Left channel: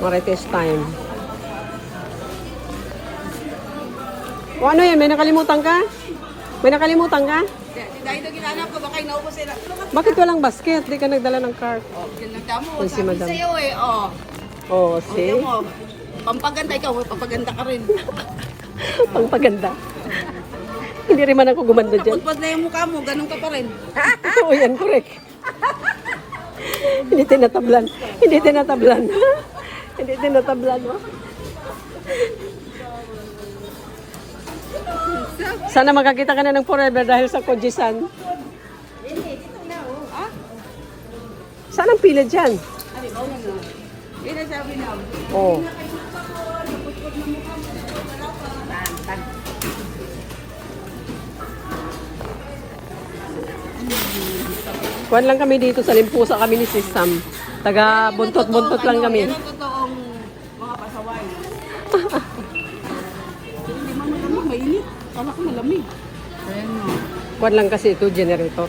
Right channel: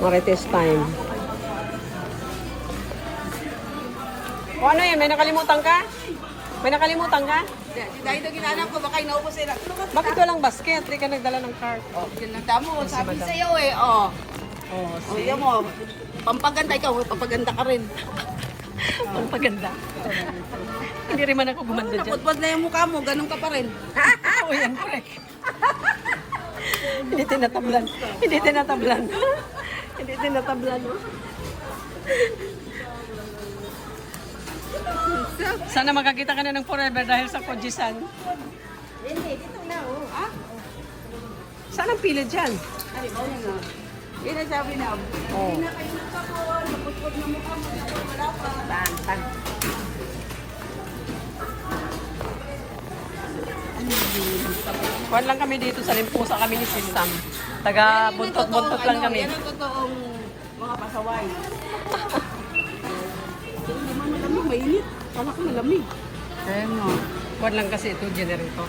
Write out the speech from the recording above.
Marites time. O ano yan? May nakalimutan ka? May nakalimutan ka? Dahil na ginanap ko, baka inuupo sila. Bakit walang basket? Di ka nagdala ng cart. Oh, ginanda mo, Ay, si sabi Madam. sa'yo eh, oh. Oh, Oh, see? yan mo. Pampaganda ikaw, pampaganda ka rin. Ang paganda. Hindi rin man ako gumanda dyan. Pagpag na yung mukha mo, ganun ka pa rin. Oo, yan, correct. Hindi tinatablan. Hindi tinatablan. Hindi tinatablan. Oh. Sana makakita ka na ng forever dahil sa Kojisan. Ha? Saan ang pila dyan? Ay, oh, na. Yan ang sabi na. Oo. Kuwan lang kami dito sa Limpusa kami ni Sis Sam. Taga buntot-buntot lang kami. Yan ang totoong mga pasaway. Hindi man malamig, mainit. Kala ko malamig. Ayan o. Kuwan lang kasi ito, generator.